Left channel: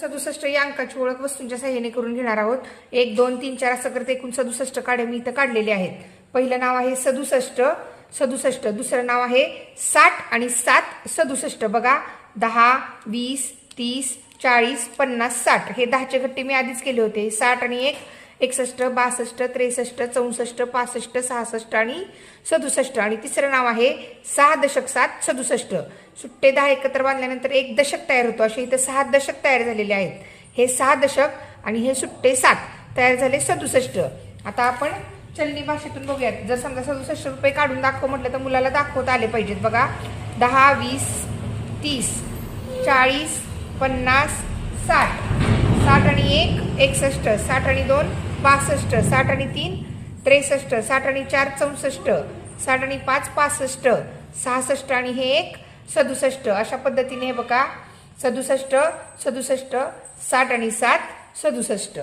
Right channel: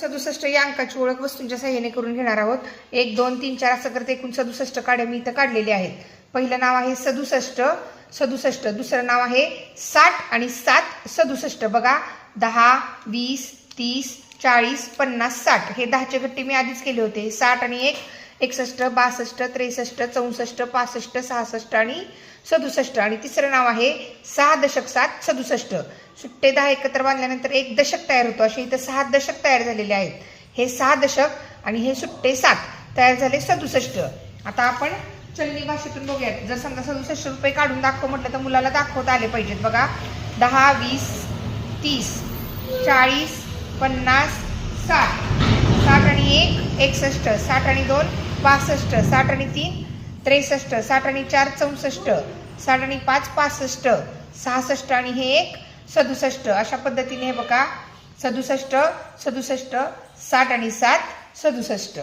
सदुसष्ट या अंकाची ओळख वस्तूंच्या सहाय्याने करून घेणार आहोत. एक दोन तीन चार असं करता एकूण सदुसष्ट काढे मी इथं काढलेले आहेत. पहिलं नाव आहे सदुसष्ट सदुसष्ट दुसरं नाव आहे साठ आणि सात सदुसष्ट बघा दहा वीस तीस चाळीस पन्नास साठ. हे दहाचे गट्टे मी आधीच केले होते. साठ आणि एक एकसष्ट बासष्ट त्रेसष्ट चौसष्ट पासष्ट सहासष्ट आणि सदुसष्ट. आणि तिसरं नाव आहे सहा दशक सात सदुसष्ट. सुट्टे दहा एकत्र बांधल्यानंतर एक दशक तयार होतो. असे इथं सहा दशक तयार झालेले आहेत. हे सहा दशक आणि हे सुट्टे सात तयार झाले सदुसष्ट. आता आपण चलनी भाषेतून बघूयात. जर समजा सदुसष्ट रुपये काढून दाखव म्हटलं तर मुलाला दाखवता आले पाहिजेत. बघा दहा वीस तीस चाळीस पन्नास साठ. साठ आणि एक एकसष्ट. साठ आणि दोन पासष्ट साठ आणि तीन त्रेसष्ट साठ आणि चार चौसष्ट साठ आणि पाच पासष्ट सहासष्ट आणि हे एक सदुसष्ट. अशा पद्धतीने हे बघा. सदुसष्ट सदुसष्ट साठ आणि सात सदुसष्ट.